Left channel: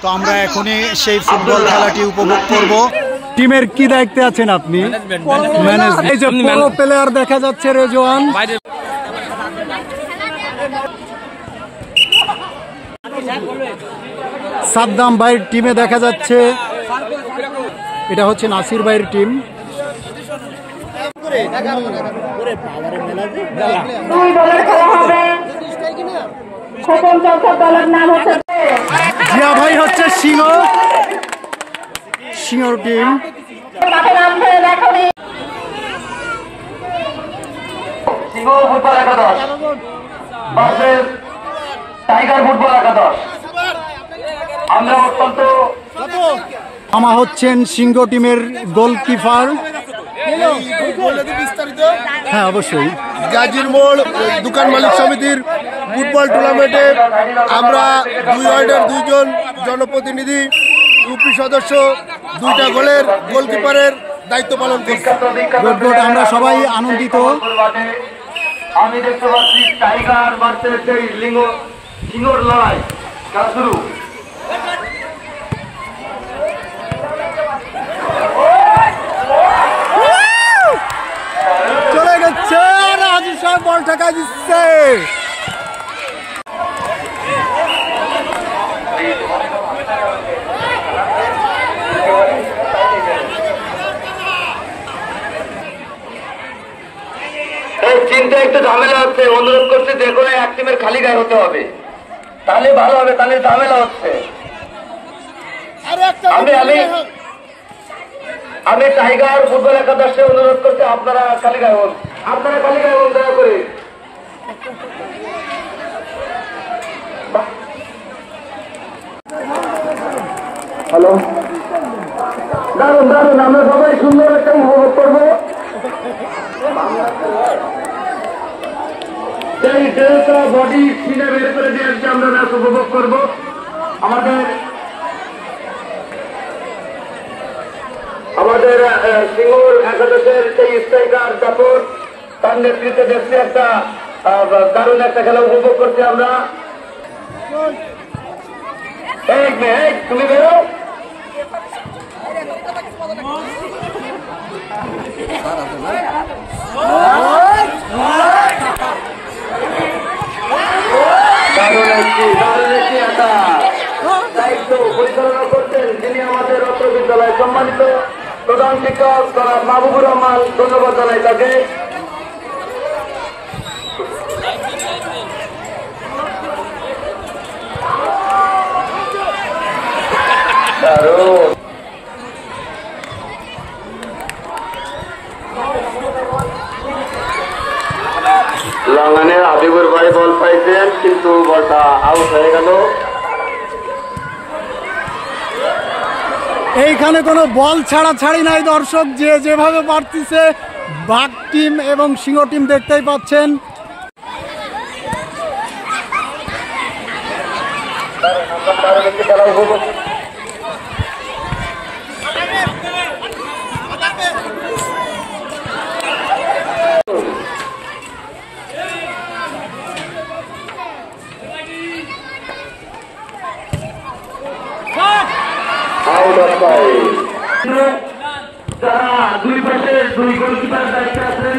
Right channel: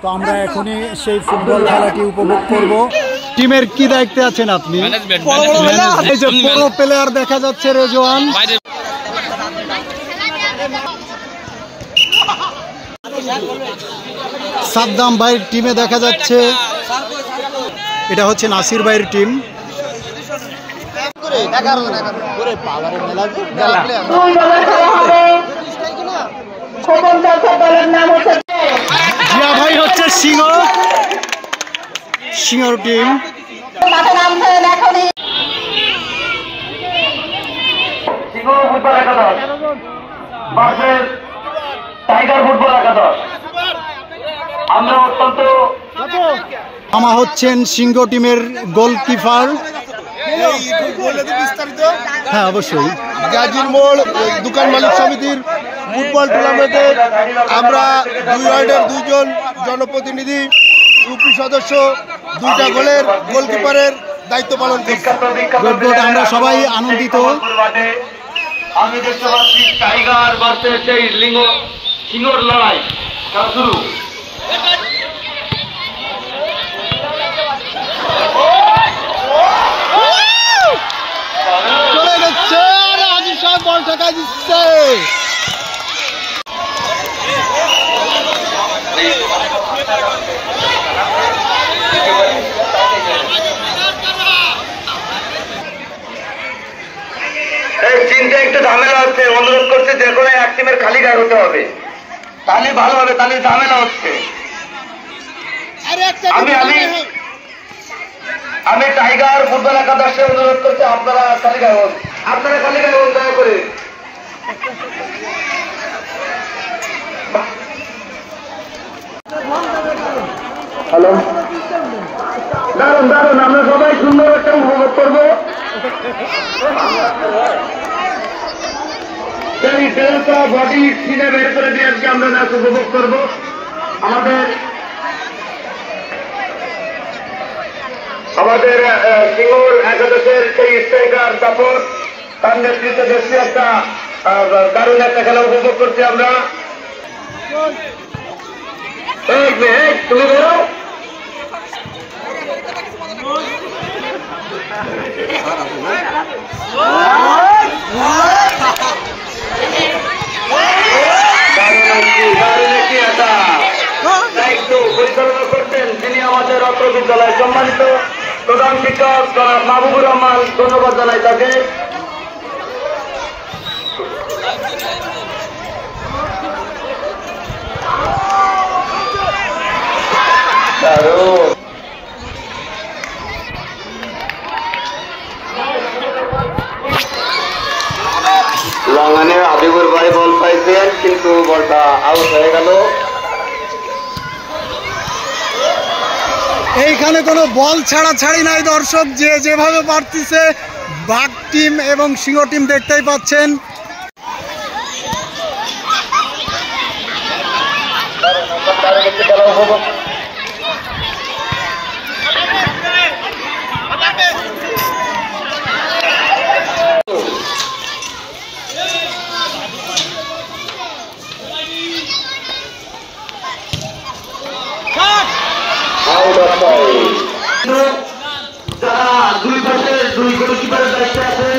তো আমরা এখনই সেই ফুটবল খেলাটি উপভোগ করব। টিমের কি দায়িত্বে আছেন আপনি? এই যে বড় প্লেয়ার দেখা যাচ্ছে রেজওয়ান। সাদ্দাম ভাইয়ের টিমে দেখা যাচ্ছে, এটা হচ্ছে নাসির ভাইয়ের টিম। জিয়া ভাই হচ্ছে সিংহর টিম। আমরা অত্যন্ত আমা হচ্ছেন সিংহ টিমের গোলকিপার। হ্যাঁ অবশ্যই। গাজীর মোড় দোকান মালিক সমিতির ফুটবল টুর্নামেন্টে আমরা 2 ওয়ার্ডের 2 জন জনপ্রতিনিধি, ইউপি সদস্য, 2টা গোলের গোলকিপারের দায়িত্ব পালন করছি। আমরা সবাই আনন্দিত। আমি দেখতে পাচ্ছি টাইগার ভার্সেস সেই সিংহর লড়াই শুরু। চলে যাচ্ছে, রাজু সাহেব বল ঠেকাই দিচ্ছে। এই চিন্তা একটু ঝামেলা হচ্ছে, অনুরোধ করছে যে কোনো এক টিমের খালি গায়ে হতে হবে, তাহলে ভালো হবে, তাহলে ঝামেলা হচ্ছে। আমি টাইগার ফুটবল একাদশে অনুরোধ করছি আপনারা খালি গায়ে হন, আপনারা খালি গায়ে হন দয়া করে। হ্যালো, দারুন দারুন, আমরা সবাই সুন্দর একটা উপভোগ করবো। সেই ডেল্টা বডি ছিঁড়ে বের করে দিয়ে আজকে আমরা ম্যাচ উপভোগ করবো। আমাদের সিঙ্গুর একাদশের সেই স্ট্রাইকার জাফর, তার নেতৃত্বে দেশে একটা দারুণ একটা খেলা উপভোগ করছি আমরা। তুমি বেরো। দায়িত্ব পরিচালনা করছেন যিনি আমাদের রত্ন বিদ্যালয় সম্মানিত প্রধান শিক্ষক জনাব মাহবুবুর রহমান, ধন্যবাদ জানাই তাকে। লঙ্গানে হাবিবুর ভাই বল পাইছেন, কিন্তু বলটা আউট হয়ে গেল। এইখানে কোনো বল ছাড়াছাড়ি নাই দর্শক, যে যেভাবে পারতেছে বাঘ টিম এবং সিংহ টিম দেখতেই পাচ্ছেন। দুই পাশে 2 গোলকিপার দায়িত্বে আছেন,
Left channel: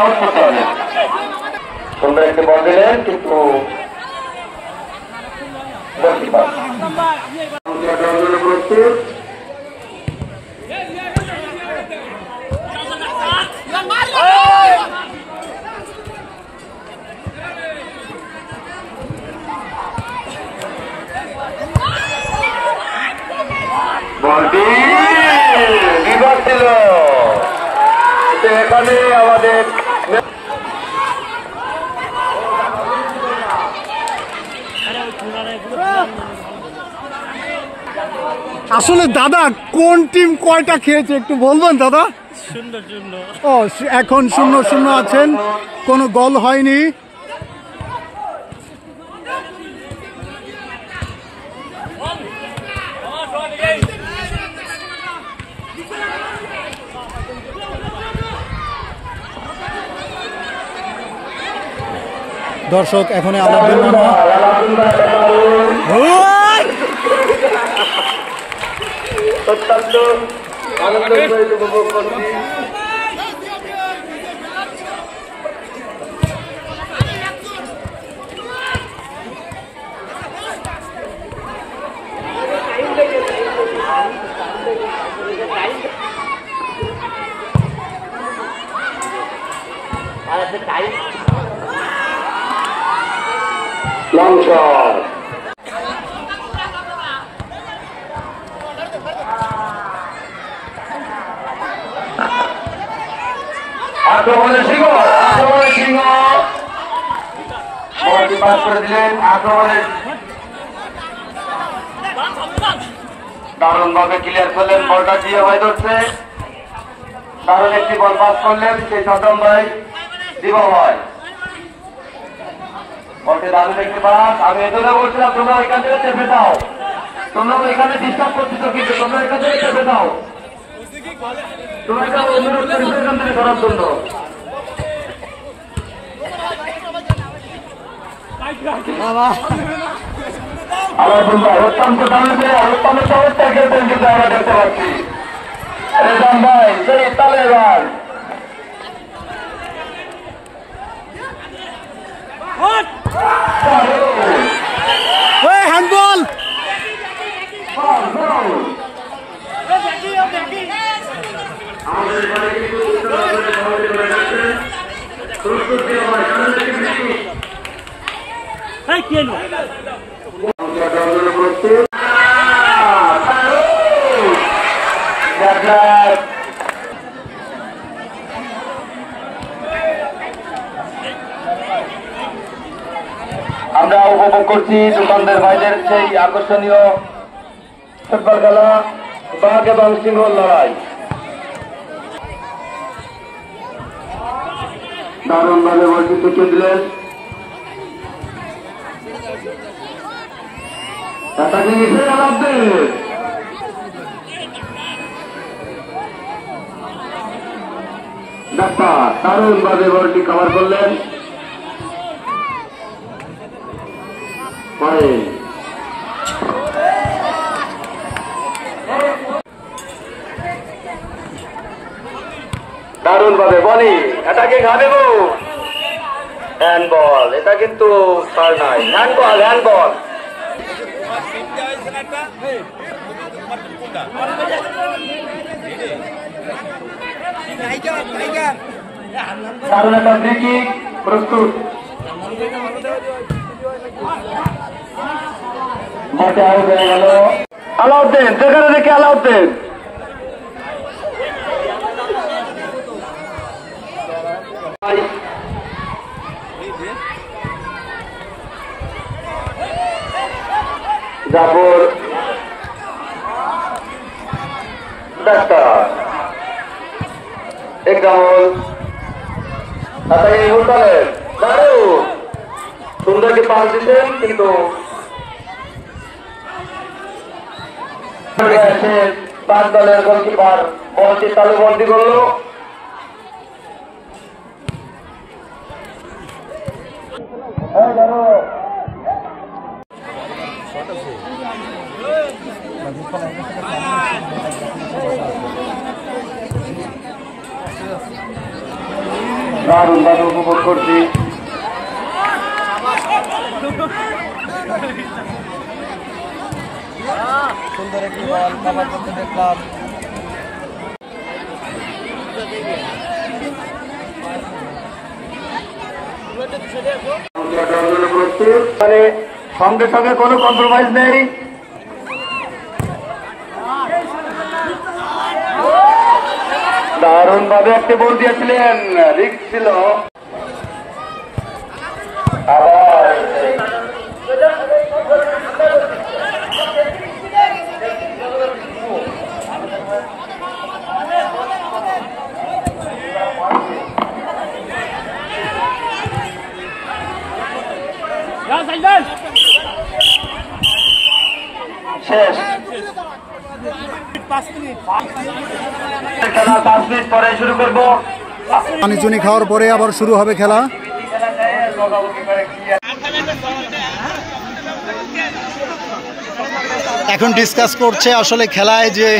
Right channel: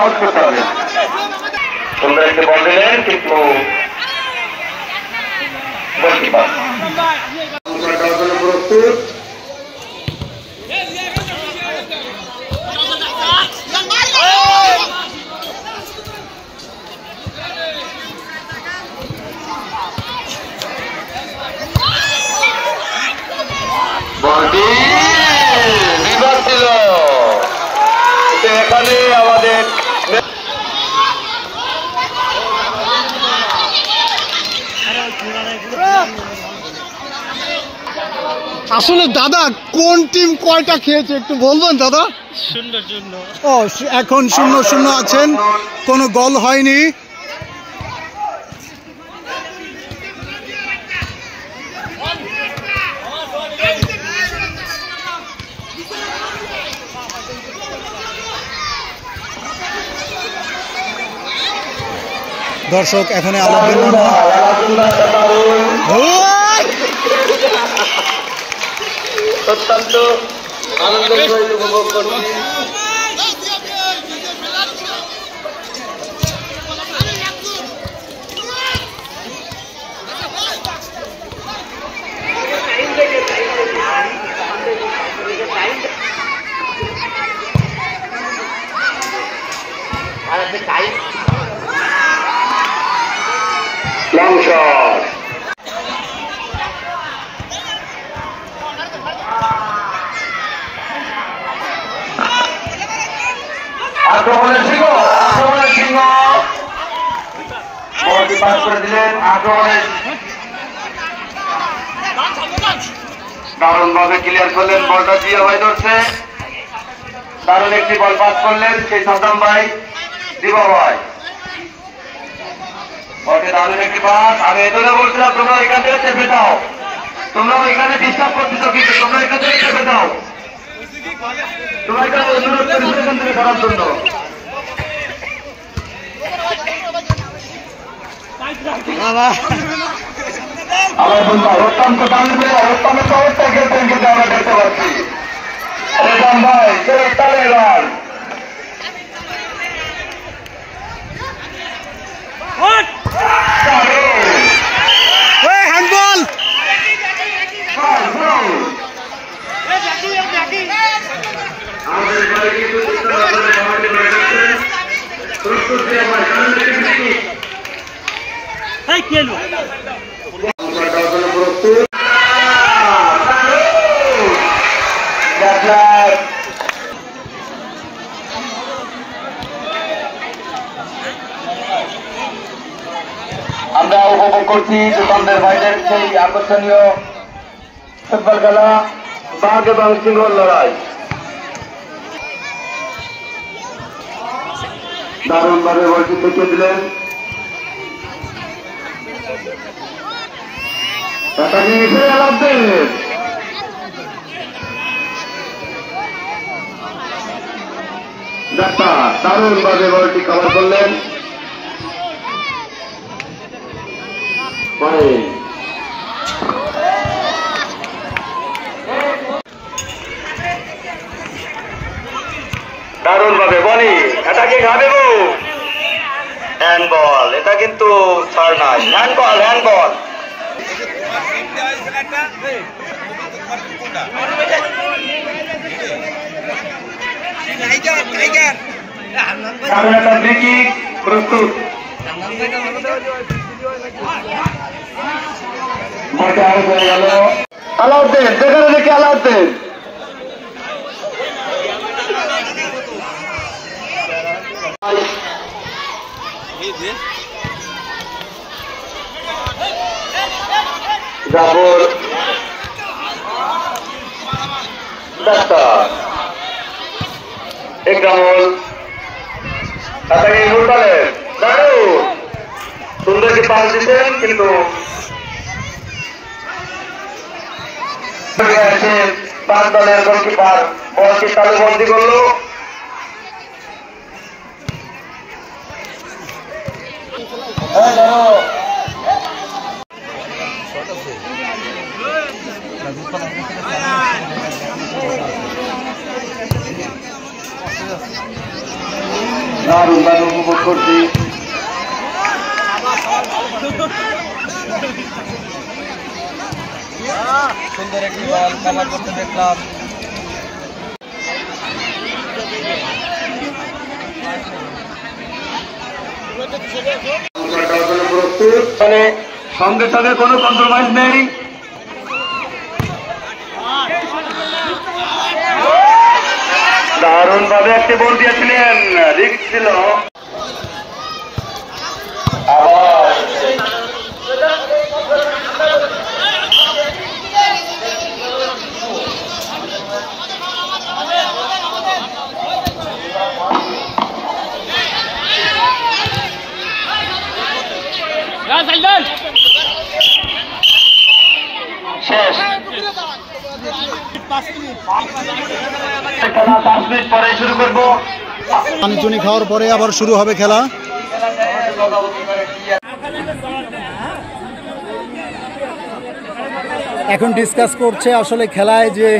আউট করতে হবে। সুন্দর একটি বল দিলেন, কিন্তু গোলকিপার বলটি বিভাগ ছিল। এখানে আমাদের আসলে দাদা কোন টিম কয়টা খেয়েছে একটু বলবেন দাদা? 0-0। ও এখন 0-0 আছেন, কোনো গোল হয়নি। দর্শক এখন আলাউদ্দিন মামা অত্যন্ত আনন্দের সহিত উপভোগ করছি। লং শট আক্রমণের সিংহ বলটি পাস করে দিলেন। আক্রমণের দারুণ ভাবে ক্লিয়ার করলেন, বলটা দিয়ে হয়ে ধরছে। দারুণ একটি বল পাস করলেন সেই সাদ্দাম ভাই দিবা ভাই, বলতে দারুণ একটি পাস। আমি এজন্য বলছিলাম তোমরা এখান থেকে চেপে দাও, তোমরা এখানে ডিস্টার্ব করতেছো, কিন্তু তোমরা এখান থেকে চেপে দাও, তোমাকে অনুরোধ করেছি এখান থেকে করার জন্য। আলাউদ্দিন ভাই অত্যন্ত দামিতে অত্যন্ত চমৎকার খেলতেন, কিন্তু আমরা দেখতে পাচ্ছি রেজান ভাই সেই তালেবান হ্যান্ডবল। আমরা উপভোগ করছি দোকানদার ভাইদের সেই আকর্ষণীয় ফুটবল খেলা, বাঘ এবং সিংহর লড়াই। দারুণ ভাবে বলটি থেকে দিলেন, দারুণ ভাবে বলটি কভার করলেন। দারুণ ভাবে বলি এটাকে ঘাটে হ্যান্ডবল, এটা কিন্তু ছাড় নাই, হ্যান্ডবল হ্যান্ডবল। দারুণ একটা ফ্রি কিক প্রস্তুত। মাঠে আউট হয়ে গেল আলাউদ্দিন, যেখানে দেখে আলাউদ্দিন জাফর একরামুল দারুণ সুন্দর কি পাস দিতেন, কিন্তু পাঁচ দলের গোলকিপার বলটি তালুবন্দি করলো। দারুণ দারুণ উপভোগ করছি। সুন্দর একটি বল কভার করতে দেখলাম। সঙ্গে সঙ্গে কোনো কম্প্রোমাইজ নেই। দারুণ ভাবে একটি বল দিয়েছিলেন, রিস্ক ছিল। শেষ খেলা 5 মিনিট পরে শুরু করবো। পানি চুনি খাওয়ার পরে আবার শুরু হবে খেলা। বকাবকি করে ক্লিয়ার। এখন ডিসকাস করছে আসলে খেলায় যে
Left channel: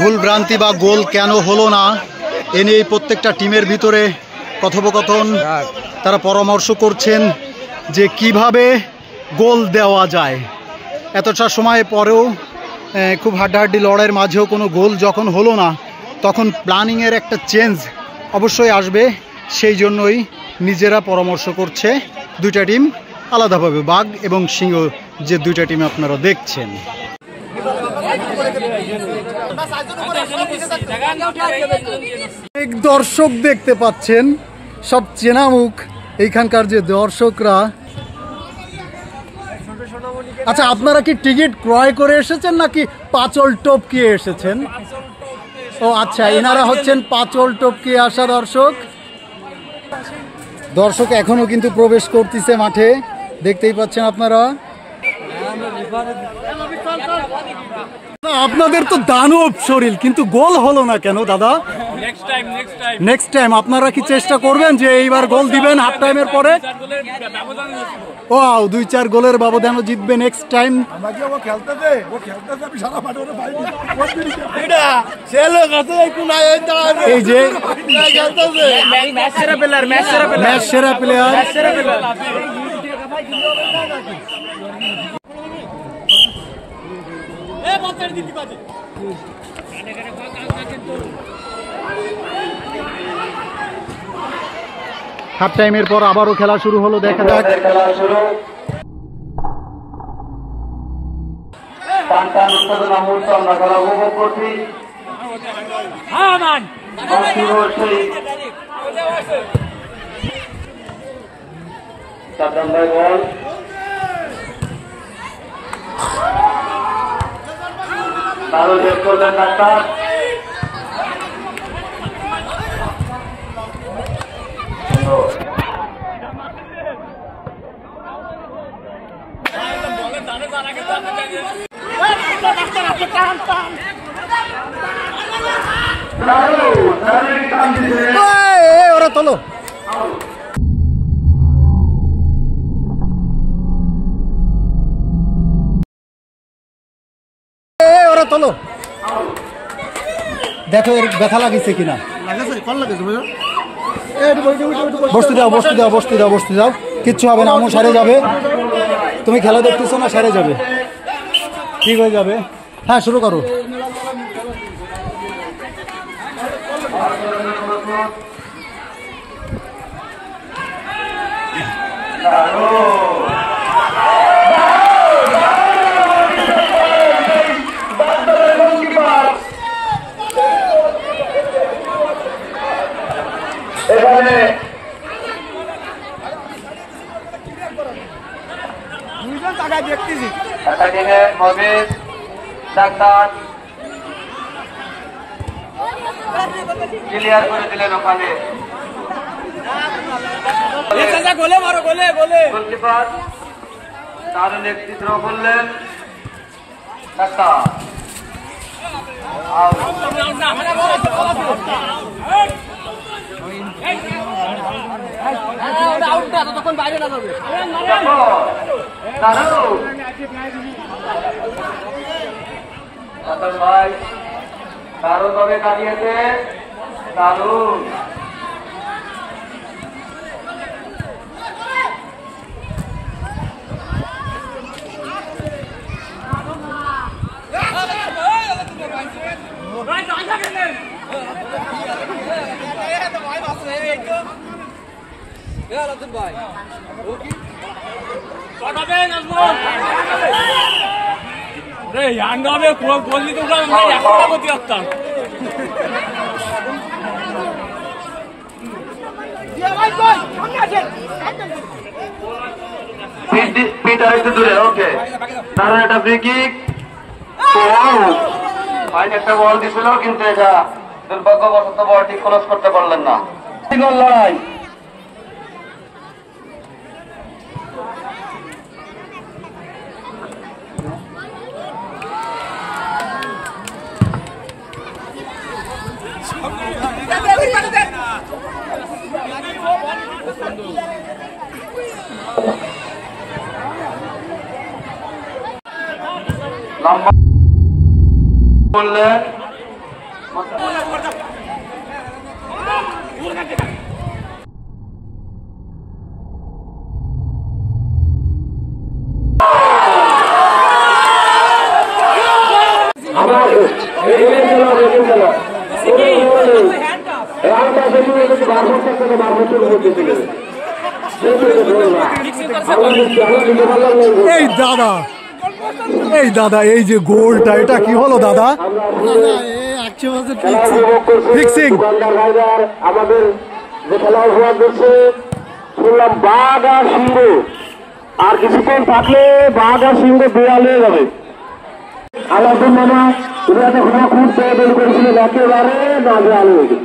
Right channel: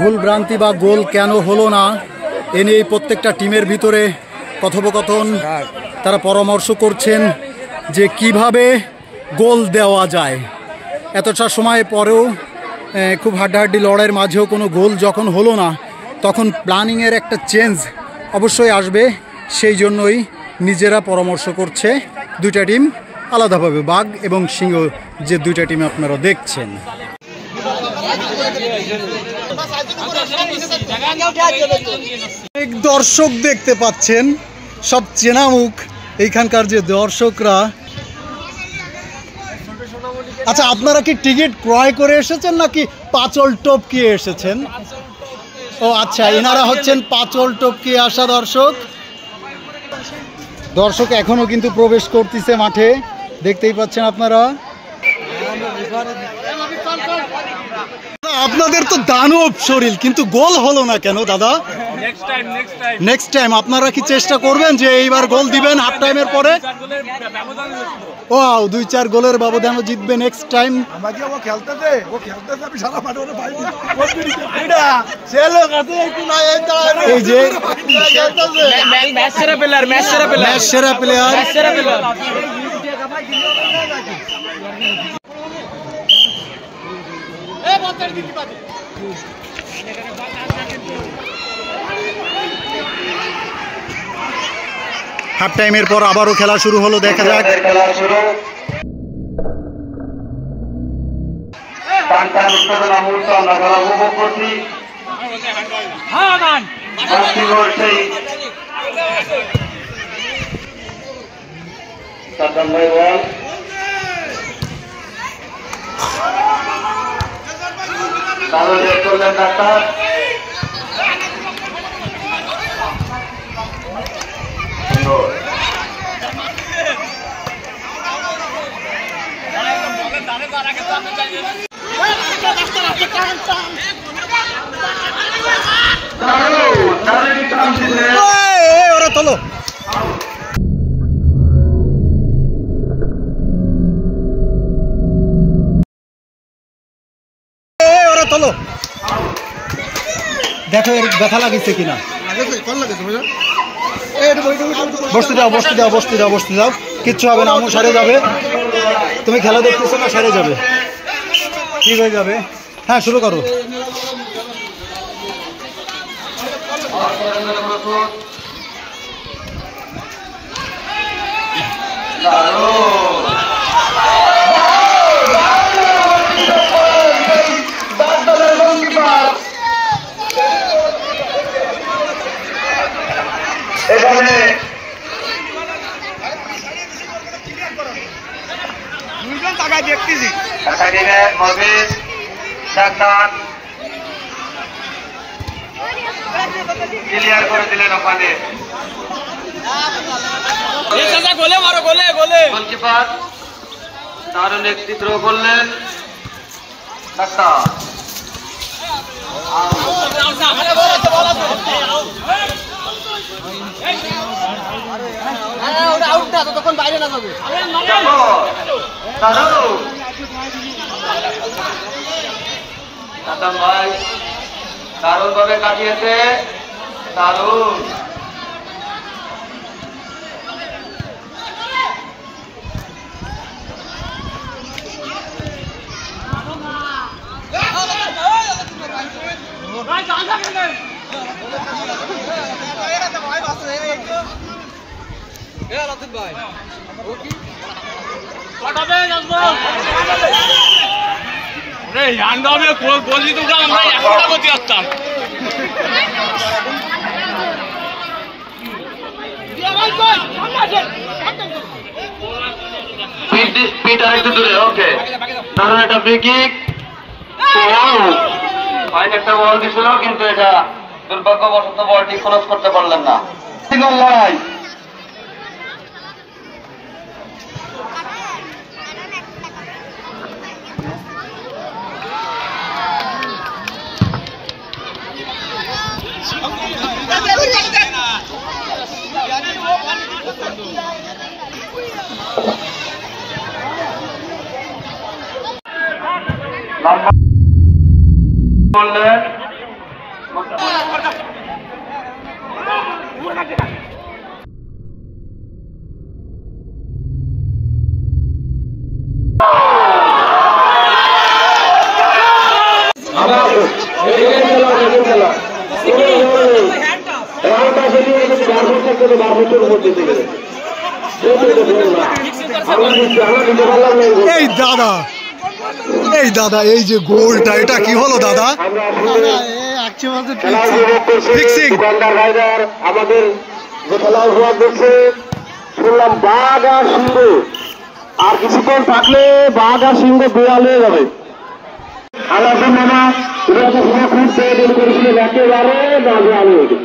ভুল ভ্রান্তি বা গোল কেন হলো না এ নিয়ে প্রত্যেকটা টিমের ভিতরে কথোপকথন, তারা পরামর্শ করছেন যে কিভাবে গোল দেওয়া যায়। এতটা সময় পরেও খুব হাড্ডাহাড্ডি লড়াইয়ের মাঝেও কোনো গোল যখন হলো না, তখন প্ল্যানিংয়ের একটা চেঞ্জ অবশ্যই আসবে। সেই জন্যই নিজেরা পরামর্শ করছে দুইটা টিম আলাদাভাবে, বাঘ এবং সিংহ যে দুইটা টিম আপনারা দেখছেন। দর্শক দেখতে পাচ্ছেন, সব চেনা মুখ এইখানকার যে দর্শকরা। আচ্ছা, আপনারা কি টিকিট ক্রয় করে এসেছেন নাকি পাঁচল টপকিয়ে এসেছেন? ও আচ্ছা, এনারা হচ্ছেন পাঁচল টপকিয়ে আসা দর্শক। দর্শক এখনো কিন্তু প্রবেশ করতেছে মাঠে, দেখতেই পাচ্ছেন আপনারা। আপনাদের তো দানব শরীর, কিন্তু গোল হলো না কেন দাদা? নেক্সট টাইম আপনারা কি চেষ্টা করবেন যে এইবার গোল দিবেন হাফ টাইমের পরে? ও 2-4 গোলের ব্যবধানে জিতবে নেক্সট টাইম। এই যে ম্যাচ সেরা প্লেয়ার। হাফ টাইমের পর আবারও খেলা শুরু হলো, দেখা যাক। আমরা খেলা উপভোগ করছি। সাদ্দাম ভাই বল, তারও চেক করলেন ডাক্তার। ওরা তোলো। ওরা তোলো, দেখো এর ব্যথা লাগিছে কিনা। বসতে দাও, বসতে দাও, বসতে দাও, বসতে দাও, কিচ্ছু হবে না, আমও সারে যাবে। তুমি খেলা দেখতেছো না, সারে যাবে, ঠিক হয়ে যাবে। হ্যাঁ, শুরু করো। এখানে ক্লিয়ার করে দিলেন ওখানে গোলকিপার। দারুণ একটি থ্রো করলেন ডাক্তার। ভাই দারুণ ভাবে কাটিয়েছে, দারুণ। একটু দূরে, ওকে, দারুণ একটা ফ্রি কিক। ফাইন একটা বল দিছিল, কিন্তু এটা দুর্ভাগ্যবশত বলটি ক্লোজ করতে পারলেন না। লড়াই লম্বা বললেন এই দাদা এই যে গোলটা এটা কি হলো দাদা? আমাদের যে খেলা উপহার দিচ্ছে শুনলাম বাঘ আর সিংহ, আর কিছুক্ষণ থাকলে বাঘ আর সিংহ গোয়াল হয়ে যাবে। আমার মামা খুঁজতে করেছিলেন একেবারে না গোয়াল হয়ে গেছে,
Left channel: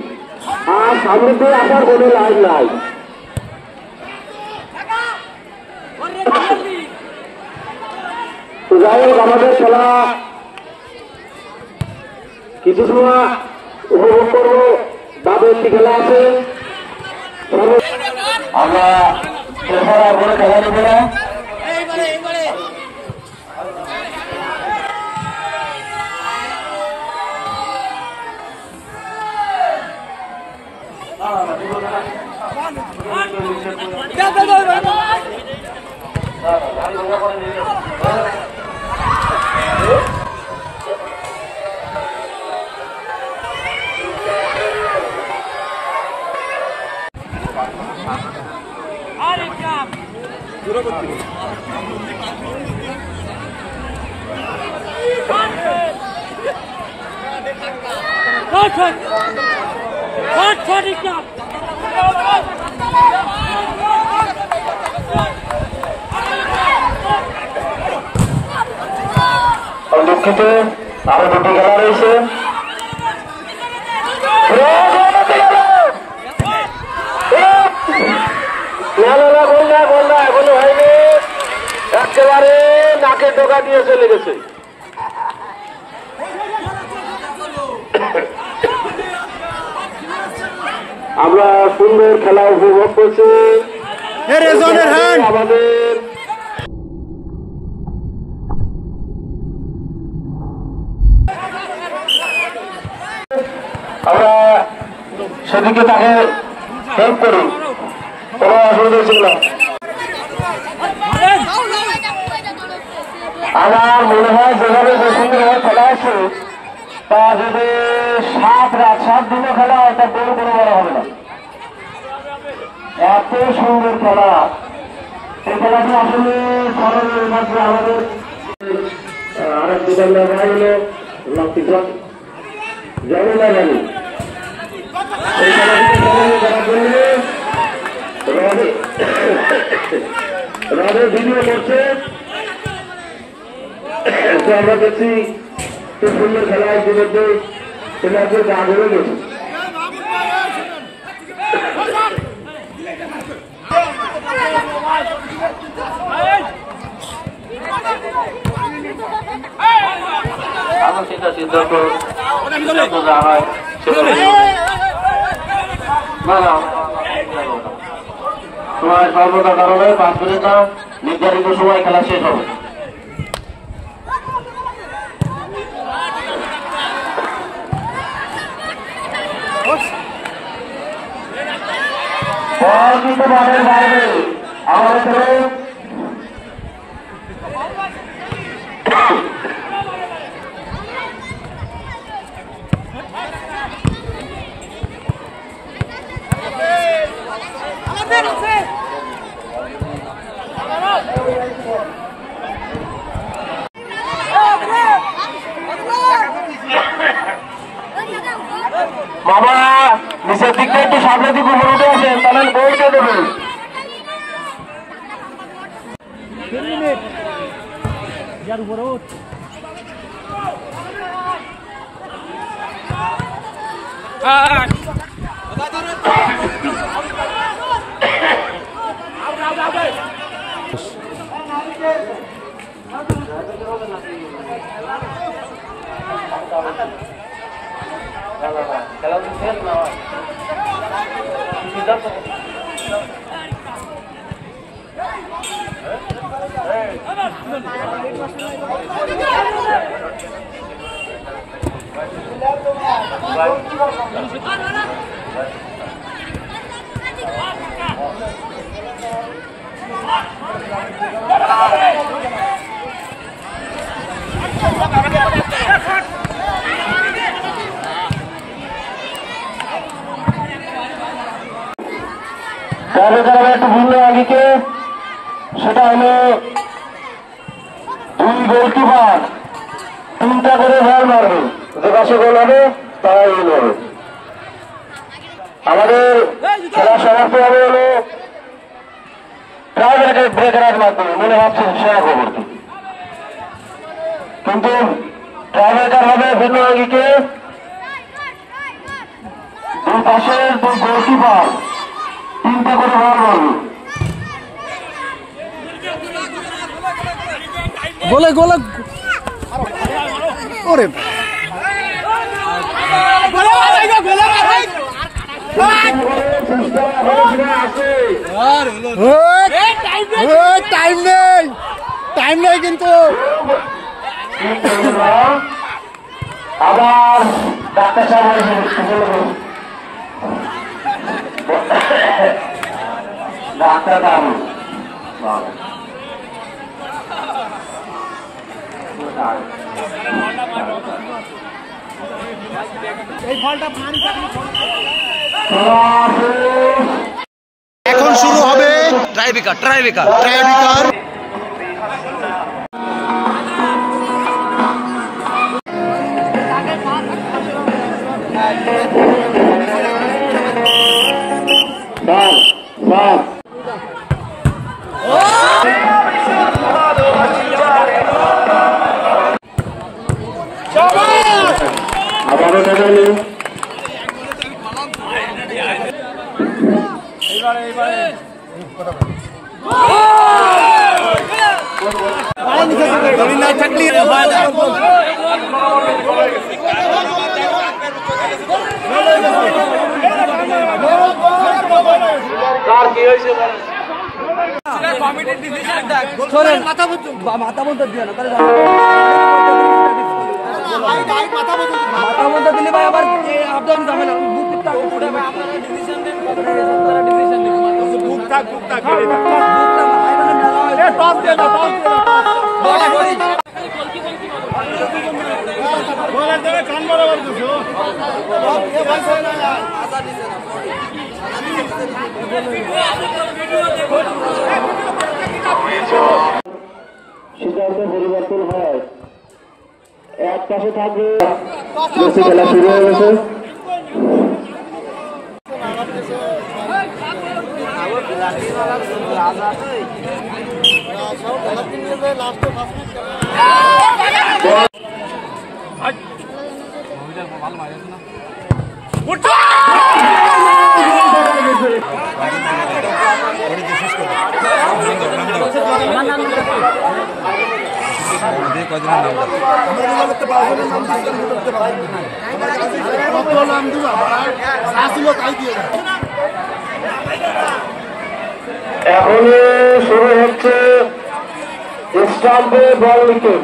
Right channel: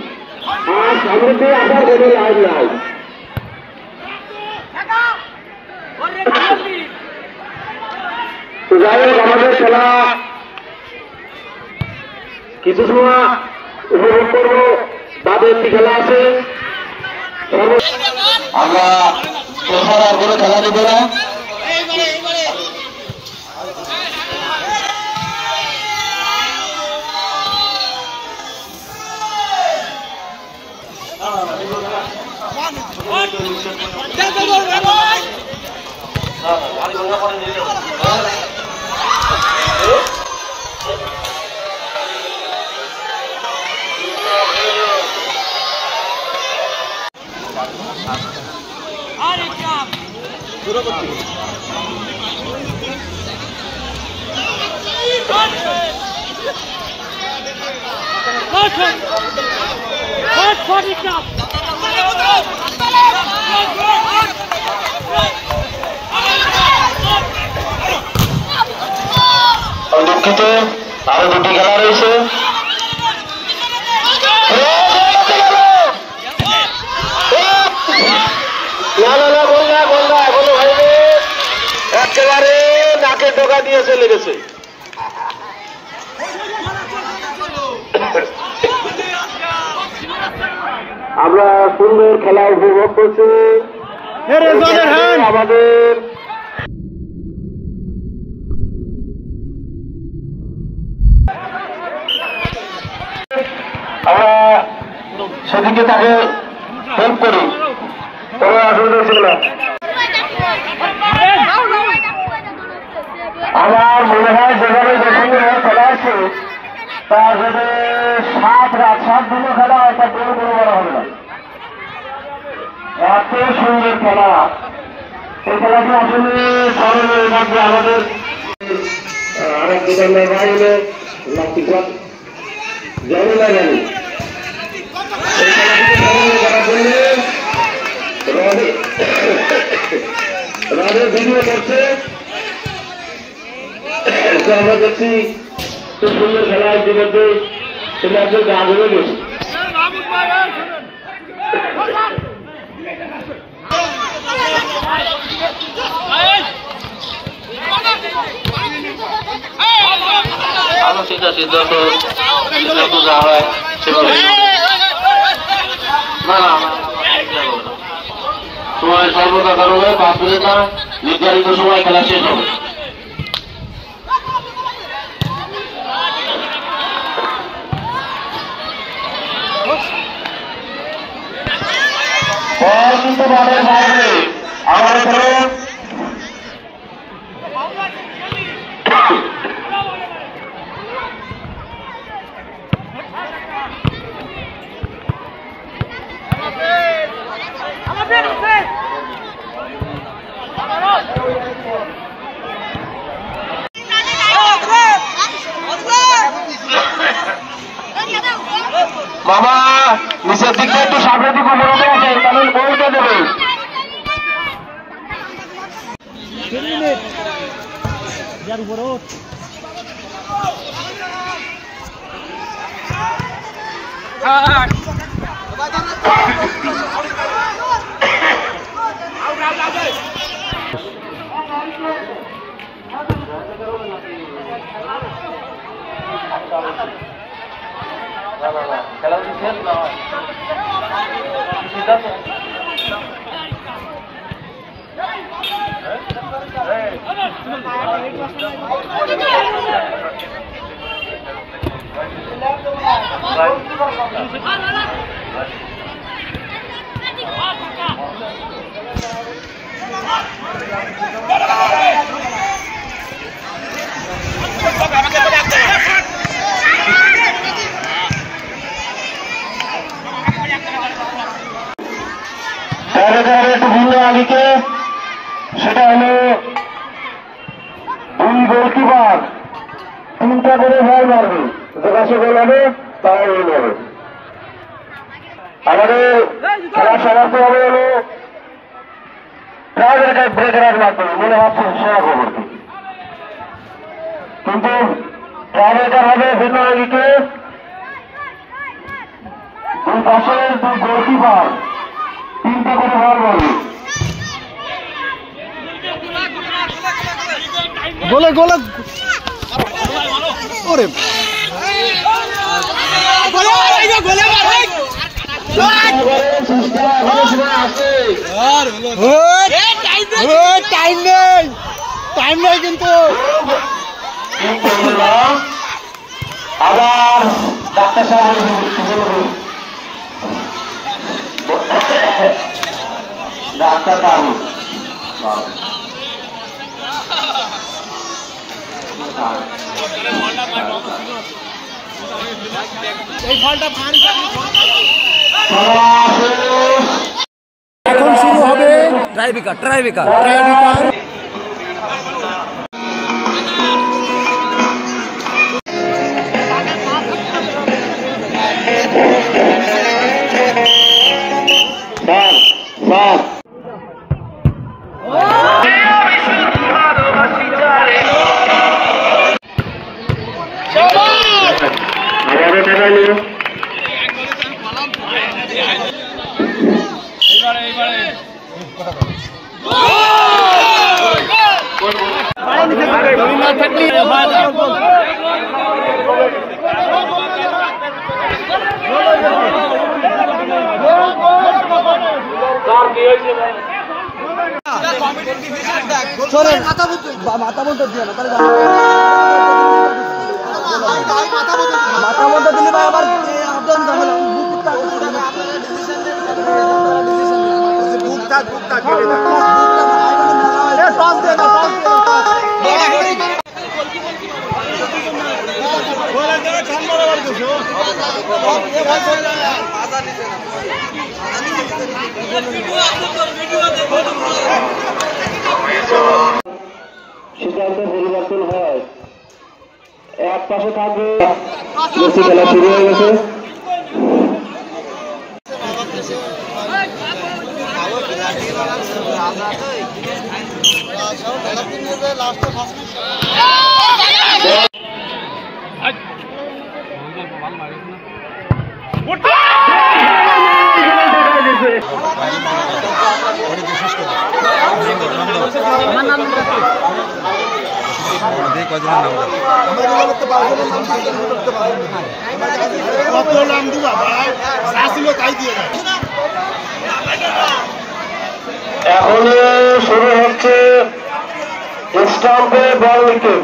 আর সামনে দিয়ে আসার কোনো লাইন নাই। যাই হোক আমাদের খেলা কিছু সময় উপভোগ করবো, বাদে একটি খেলা আছে, আমরা আর করে খেলা নেব না। দুঃখিত, আরো দুটি খেলা রয়েছে। একেবারে নাকে টোকা দিয়ে চলে গেছে। আমরা সুন্দর খেলা উপভোগ করছি আমাদের। আমরা সেদিকে তাকে হেল্প করি, কোনো অসুবিধা ছিল না। আমার মনে হয় যেভাবে সুন্দর খেলা আছে, তা যদি 7 দিনও খেলা হয় তা কোনো বড় হবে না। এত সুন্দর খেলা, ওই খেলাটা আসলে স্মরণের মধ্যে আমাদের আরেক দোকানের বাইরে লক্ষ্মীপথ জানি না জানি রাদের ভিডিও করছে, আমরা দেখছি খুব সুন্দর খেলা ইতিমধ্যে তোমাদের গা ধরে গেছে। সিদ্ধান্ত হয় না না সময় সর্বদা কারণে তারপরে না নির্ধারিত সময় খেলা শেষ হবে। আমার মামা নিচের দিকে একটু সামনে দিকে মনে আছেন, তাহলে বলতে দেবে। খেলা শেষ না ঠিক আছে। একটু ভিন্ন আগে সেটা হলো 2 গোলকিপার 3টা করে বল মারবে, যে পাশে গোল হবে তারা গোল হবে। আমাদের খেলার সমাপ্তি হবে হলো ট্রাই ব্রেকারের মাধ্যমে, মনে ভাবছেন সেরা খবরটি, কিন্তু ট্রাই ব্রেকার হবে ভিন্ন আগেকে 2 পাশের 2 গোলকিপার 3টা করে বল মারবে। গোলে গোলে ওরে টাইম নেই কিন্তু আবার এখন শুরু হবে ট্রাইবিকার ট্রাইবিকার। মাথা বলতে দিয়ে না, মাথা বলতে দিলে আবার আবদান ঝামেলা সিদ্ধান্ত পরিবর্তন হয়, এক পাশে থাকবে খেলা শুরু হয়ে গেছে। এখন শুরু হচ্ছে স্টাম্পে বল উইকেট।